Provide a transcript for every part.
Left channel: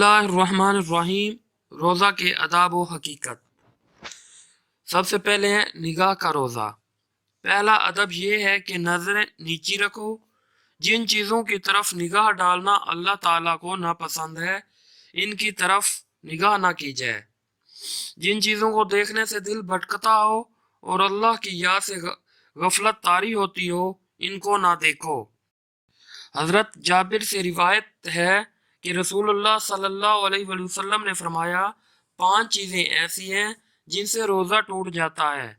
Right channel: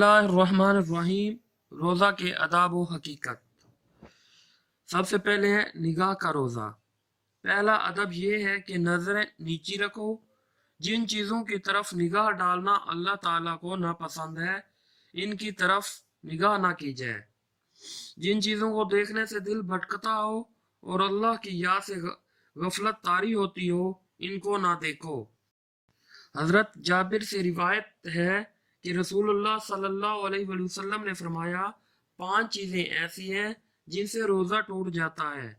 बिस्मिल्लाहिर्रहमानिर्रहीम। रोज़ा के आदाब व हकीकत। सबसे पहले है निगाह का रोज़ा। पहला अदब यह है कि नज़रें नीची रखो। जिन चीज़ों की तरफ निगाह डालना अल्लाह ताला को नापसंद है, इनकी तरफ निगाह ना की जाए। जिन चीज़ों को देखने से दिल भटकता हो और अल्लाह की याद से गफलत तारी होती हो, इनको ना देखो। हज़रत जाबिर से रिवायत है कि रसूलुल्लाह सल्लल्लाहु अलैहि वसल्लम ने फरमाया, 5 चीज़ें ऐसी हैं जिनसे रोज़ा टूट जाता है।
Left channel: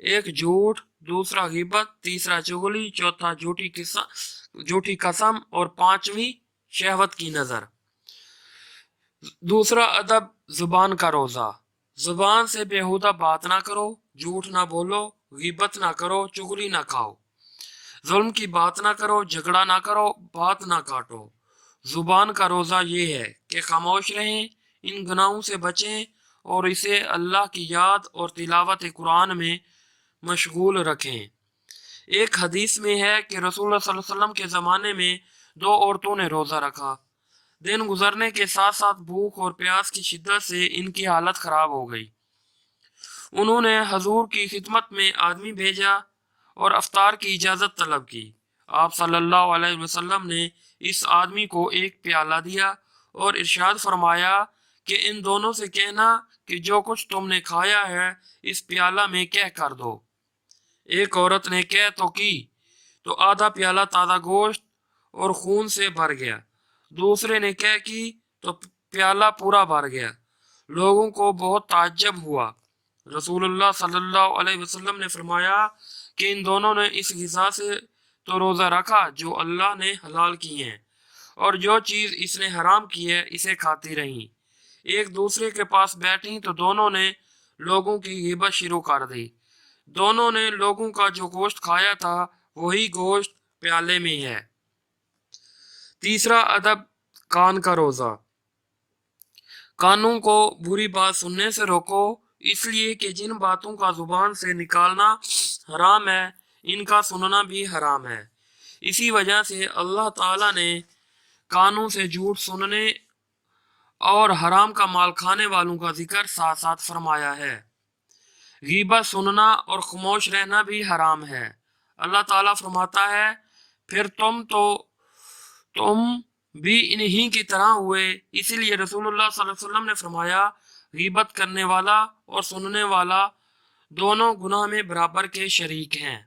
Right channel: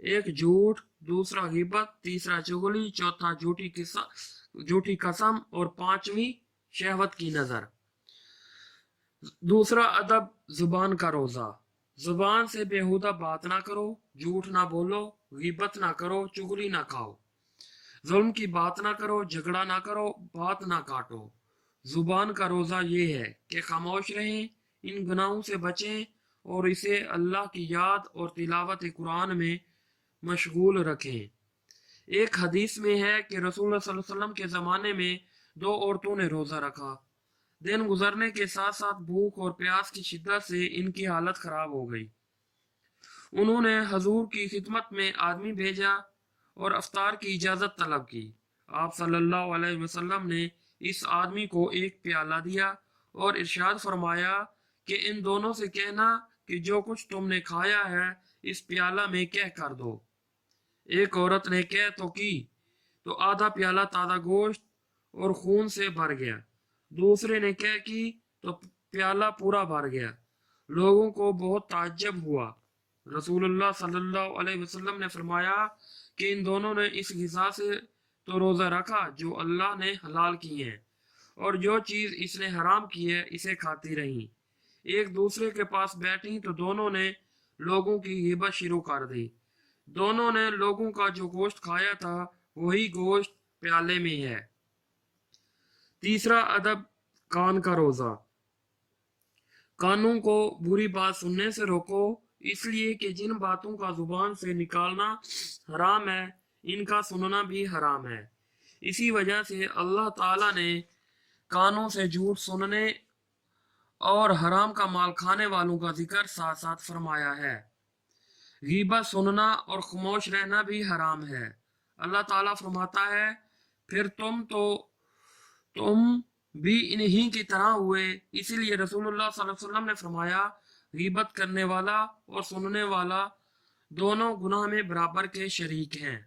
एक झूठ, दूसरा गिबत, तीसरा चुगली, चौथा झूठी कसम और पांचवी शहवत की नज़र। दूसरा अदब जुबान का रोज़ा। जुबान से बेहुदा बात ना करो, झूठ ना बोलो, गिबत ना करो, चुगली ना खाओ, जुल्म की बात ना करो, झगड़ा ना करो, बात ना काटो। जुबान का रोज़ा ये है कि खामोश रहें, इन गुनाहों से बचें और इसे अल्लाह की याद और तिलावत कुरान में मशगूल रखें। एक हदीस में है कि रसूल सल्लल्लाहु अलैहि वसल्लम के ज़माने में 2 औरतों ने रोज़ा रखा। दिन गुजरने के साथ साथ भूख और प्यास की शिद्दत से इनकी हालत ख़राब हो गई। उन्होंने हजूर की खिदमत में आदमी भेजा और अफ्तार की इजाज़त तलब की। आप सल्लल्लाहु अलैहि वसल्लम ने इस आदमी को एक प्याला दिया और इरशाद फरमाया कि इन दोनों से कहना कि जो कुछ तुमने खाया है इस प्याला में कह कर दो। एक औरत ने कह तो की तो आधा प्याला ताज़ा गोश्त और खून से भर गया। दूसरे ने कह की तो प्याला पूरा भर गया। लोगों को बहुत ताज्जुब हुआ। रसूलुल्लाह सल्लल्लाहु अलैहि वसल्लम ने फरमाया कि इन दोनों ने इस ग़िज़ा से तो रोज़ा रखा जो अल्लाह ने हलाल की है, और जो चीज़ इसने हराम की है इसे खाती रहीं। एक दूसरे के पास बैठी तो दोनों ने लोगों की ग़ीबत शुरू कर दी। दोनों ने लोगों का जो गोश्त खाया था वही गोश्त प्याले में है। तीसरा अदब कान का रोज़ा। कानों को बुरी बात सुनने से रोको, इसलिए कि जिन बातों का जुबान से निकालना हराम है, इनका सुनना भी हराम है। इसी वजह से अल्लाह ताला ने कानों से झूठ सुनने और हराम का माल खाने वालों का जिक्र साथ साथ फरमाया है। गीबत सुनना और खामोश रहना भी हराम है। अल्लाह ताला फरमाता है, फिर तुम भी इन्हीं की तरह हुए। इसीलिए रसूलुल्लाह सल्लल्लाहु अलैहि वसल्लम ने फरमाया, गीबत करने वाला और सुनने वाला दोनों गुनाह में बराबर के शरीक हैं।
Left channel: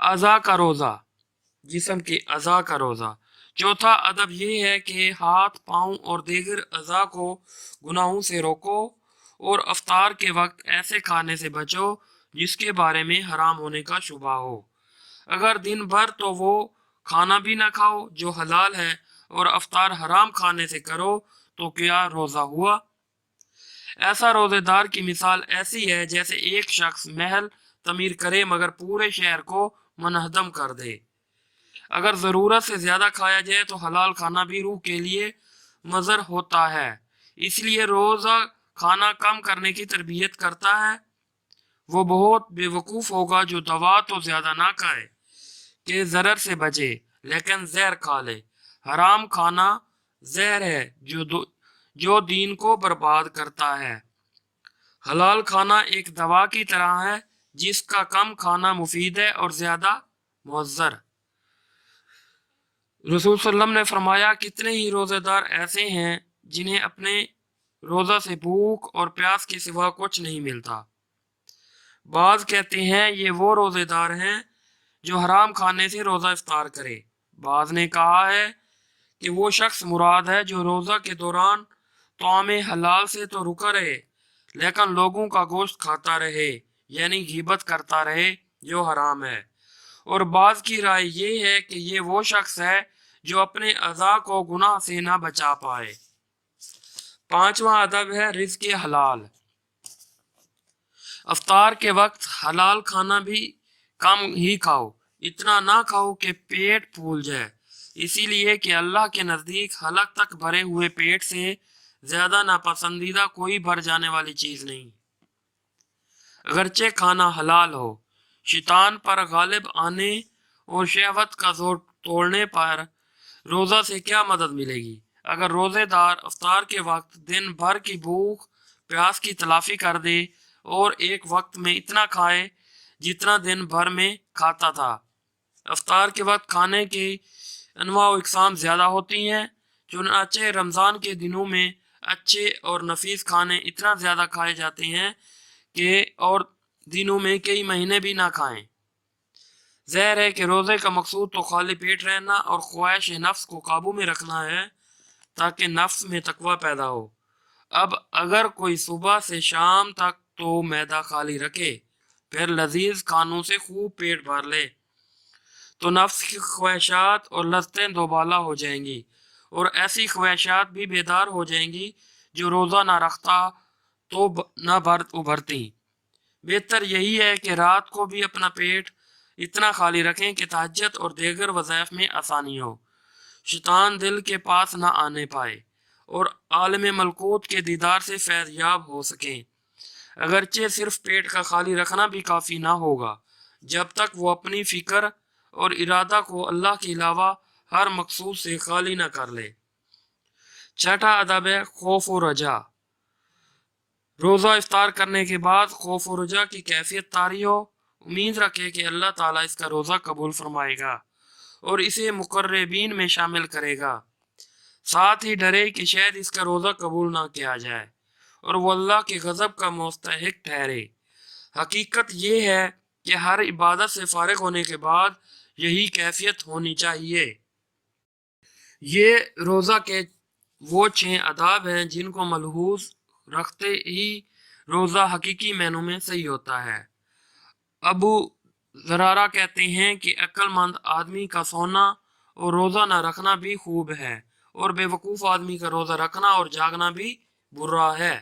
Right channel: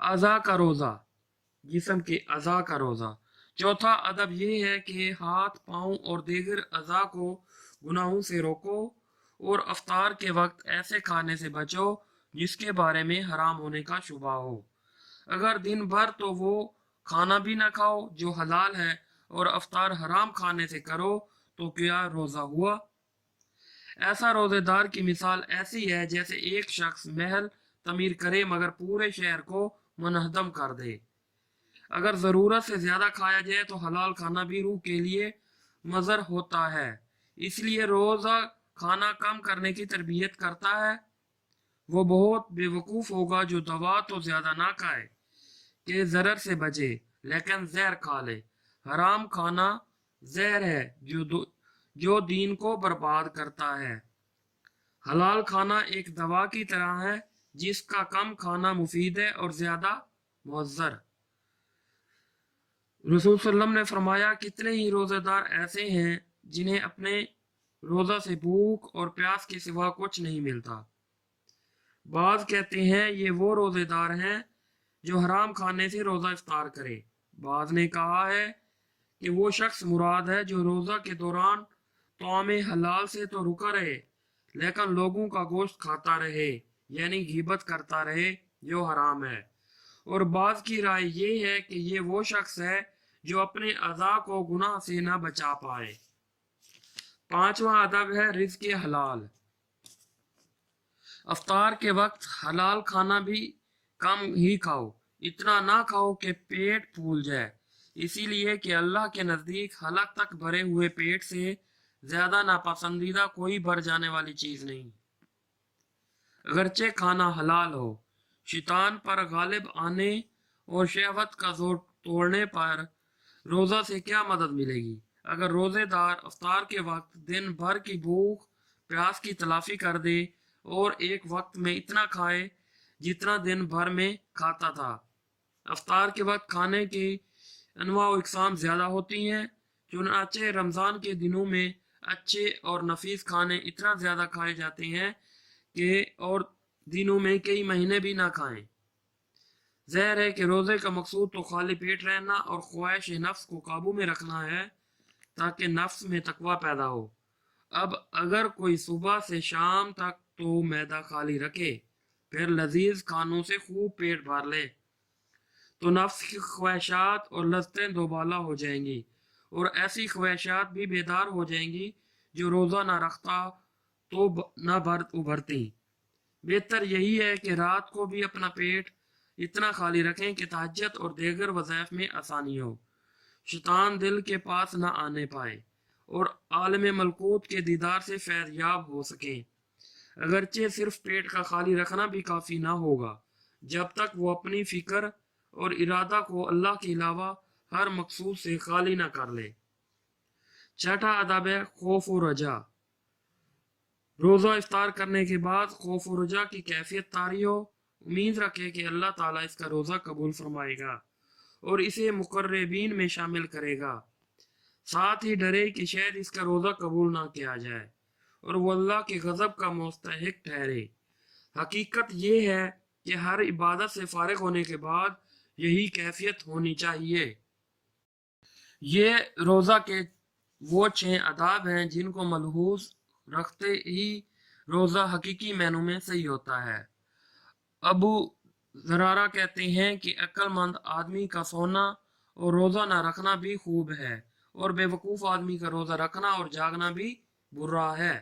अज़ा का रोज़ा, जिस्म के अज़ा का रोज़ा। चौथा अदब यह है कि हाथ, पाँव और दीगर अज़ा को गुनाहों से रोको और अफ्तार के वक्त ऐसे खाने से बचो जिसके बारे में हराम होने का शुबा हो। अगर दिन भर तो वो खाना भी ना खाओ जो हलाल है और अफ्तार हराम खाने से करो तो क्या रोज़ा हुआ? ऐसा रोज़ेदार की मिसाल ऐसी है जैसे एक शख्स महल तमीर करे मगर पूरे शहर को मुनहदम कर दे। अगर ज़रूरत से ज़्यादा खाया जाए तो हलाल खाना भी रूह के लिए मज़र होता है। इसलिए रोज़ा खाना कम करने की तरबियत करता है। वो बहुत बेवकूफ़ होगा जो दवा तो ज़्यादा ना खाए कि ज़रर से बचे, लेकिन जहर खा ले। हराम खाना जहर है जो दीन को बर्बाद करता है। हलाल खाना एक दवा की तरह है जिसका कम खाना मुफीद है और ज़्यादा मुअज्जर। रसूल सल्लम ने फरमाया, कितने ही रोज़ेदार ऐसे हैं जिन्हें अपने रोज़ा से भूख और प्यास के सिवा कुछ नहीं मिलता। बाज़ कहते हैं ये वो रोज़ेदार हैं जो हराम खाने से रोज़ा इफ्तार करे। बाज़ ने कहा है कि वो शख्स मुराद है जो रोज़ा के दौरान तौमे हलाल से तो रुका रहे लेकिन लोगों का गोश्त खाता रहे, यानी गीबत करता रहे जो हराम है। और बाज़ की राय ये है कि ये वो शख्स है जो अपने अज़ा को गुनाह से ना बचा पाए। पांचवा अदब है रिज़्क़ हलाल। अफ्तार के वक्त हलाल खाना भी कम ही खाओ, इतना ना खाओ कि पेट फूल जाए। इसीलिए कि अल्लाह के नज़दीक हलक तक भरे हुए पेट से ज़्यादा नापसंदीदा कोई भर जाने वाली चीज़ नहीं। अगरचे खाना हलाल हो, शैतान पर गालिब आने और शहवत का जोर तोड़ने पर रोज़ा से क्या मदद मिलेगी? اگر روزے دار افطار کے وقت دن بھر کی بھوک پیاس کی تلافی کر دے اور ایک وقت میں اتنا کھائے جتنا دن بھر میں کھاتا تھا۔ افطار کے وقت کھانے کی انواع و اقسام زیادہ ہوتی ہیں، چنانچہ رمضان کے دنوں میں اچھے اور نفیس کھانے اتنا زیادہ کھائے جاتے ہیں کہ اور دنوں میں کئی مہینے بھی نہ کھائیں۔ ظاہر ہے کہ روزے کا مقصود تو خالی پیٹ رہنا اور خواہش نفس کو قابو میں رکھنا ہے تاکہ نفس میں تقوی پیدا ہو۔ اب اگر کوئی صبح سے شام تک تو معدہ خالی رکھے پھر لذیذ کھانوں سے خوب پیٹ بھر لے تو نفس کی خواہشات اور لذتیں دوبالا ہو جائیں گی اور ایسی خواہشات بھی بیدار ہو جائیں گی جو روزہ نہ رکھتا تو نہ ابھرتی۔ بہتر یہی ہے کہ رات کو بھی اپنا پیٹ اتنا خالی رکھیں کہ تہجد اور دیگر وظائف میں آسانی ہو، شیطان دل کے پاس نہ آنے پائے اور عالم ملکوت کے دیدار سے فیض یاب ہو سکیں۔ اگرچہ صرف پیٹ کا خالی رکھنا بھی کافی نہ ہوگا جب تک وہ اپنی فکر اور ارادہ کو اللہ کے علاوہ ہر مقصود سے خالی نہ کر لے۔ چھٹا ادب ہے خوف و رجا۔ روزہ افطار کرنے کے بعد خوف و رجا کی کیفیت طاری ہو، امید رکھے کہ اللہ تعالیٰ اس کا روزہ قبول فرمائے گا اور اسے مقربین میں شامل کرے گا، ساتھ ہی ڈرے کہ شاید اس کا روزہ قبول نہ کیا جائے اور وہ اللہ کے غضب کا مستحق ٹھہرے۔ حقیقت یہ ہے کہ ہر عبادت سے فارغ ہونے کے بعد یہی کیفیت ہونی چاہیے۔ یہ روزہ کے وہ 6 آداب ہیں جن کو ملحوظ رکھتے ہی روزہ حقیقی معنوں میں صحیح ہوتا ہے۔ ابو زرارہ کہتے ہیں کہ عقل مند آدمی کا سونا اور روزہ نہ رکھنا بھی خوب ہے اور بے وقوف آدمی کا روزہ رکھنا اور جاگنا بھی برا ہے۔